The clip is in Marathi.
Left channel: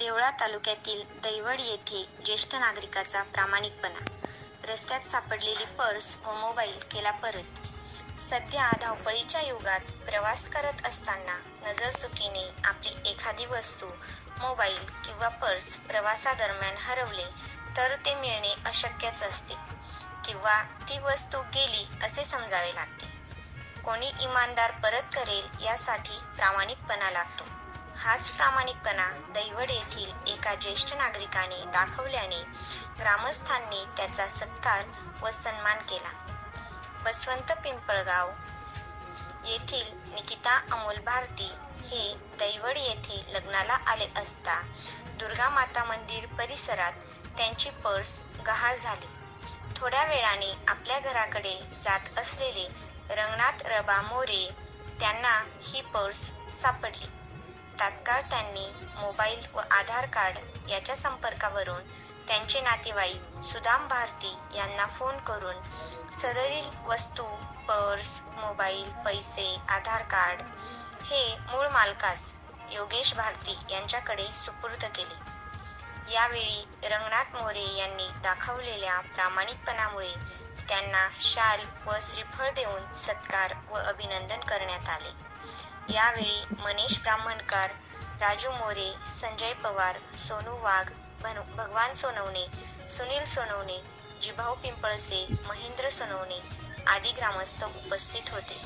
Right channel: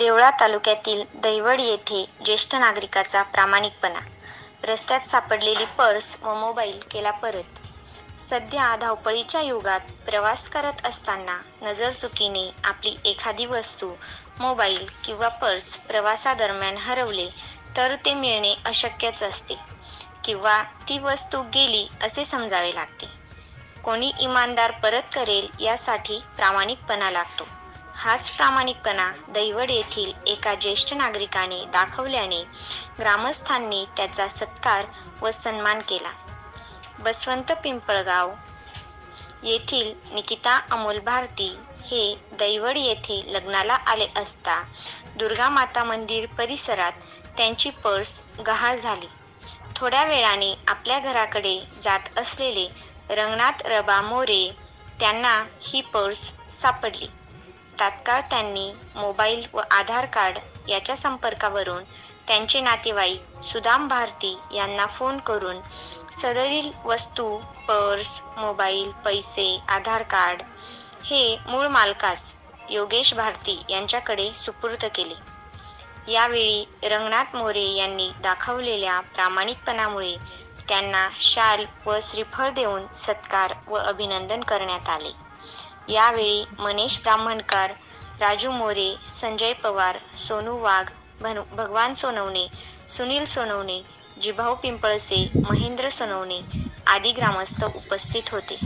देवळा तालुक्यातील दैवड येथे ज्येष्ठ नागरिकाचा प्रामाणिकपणा. रस्त्यात सापडलेली पर्स व मोबाईल केला परत. सध्या धावपळीच्या युगात प्रवास करत असताना नजरचुकीने आपली एखादी वस्तू, मोबाईल किंवा पर्स प्रवासादरम्यान हरवले तर ते मिळणे अशक्यच असते किंवा ती वस्तू गेली असे समजावे लागते. कोणी इमानदार परत करेल यासाठी प्रामाणिकपणा लागतो. हाच प्रामाणिकपणा दैवड येथील एका ज्येष्ठ नागरिकाने दाखवल्याने ग्रामस्थांनी त्याचा सत्कार व सन्मान केला. बसवंत पिंपळगाव येथील निकिता अमोल भारती हे दैवड येथे लग्नाला आले असता दुर्गा माता मंदिर परिसरात त्यांची पर्स गहाळ झाली. थोड्या वेळाने आपल्या घराकडे जात असलेले रंगनाथ रबा मोरे त्यांना ही पर्स सापडली. तात्काळ त्यांनी मोबाईल व आधार कार्ड याच्या संपर्कावरून त्यांचे नातेवाईक सुदाम भारती यांना फोन करून सदरील वस्तू, पर्स, मोबाईल, पैसे, आधार कार्ड हे मूळ मालकास योगेश भारती यांच्याकडे सुपूर्द केले. यावेळी रंगनाथ मोरे यांनी दाखवलेल्या प्रामाणिकपणामुळे त्यांना शाल व श्रीफळ देऊन सत्कार व अभिनंदन करण्यात आले. यावेळी मनीष ब्राह्मणकर, राजू मोरे, संजय पवार, सोनू वाघ, भगवान सोनवणे, सुनील सोनवणे, जिभाऊ पिंपळसे, महेंद्र सोनवणे आदी ग्रामस्थ उपस्थित होते.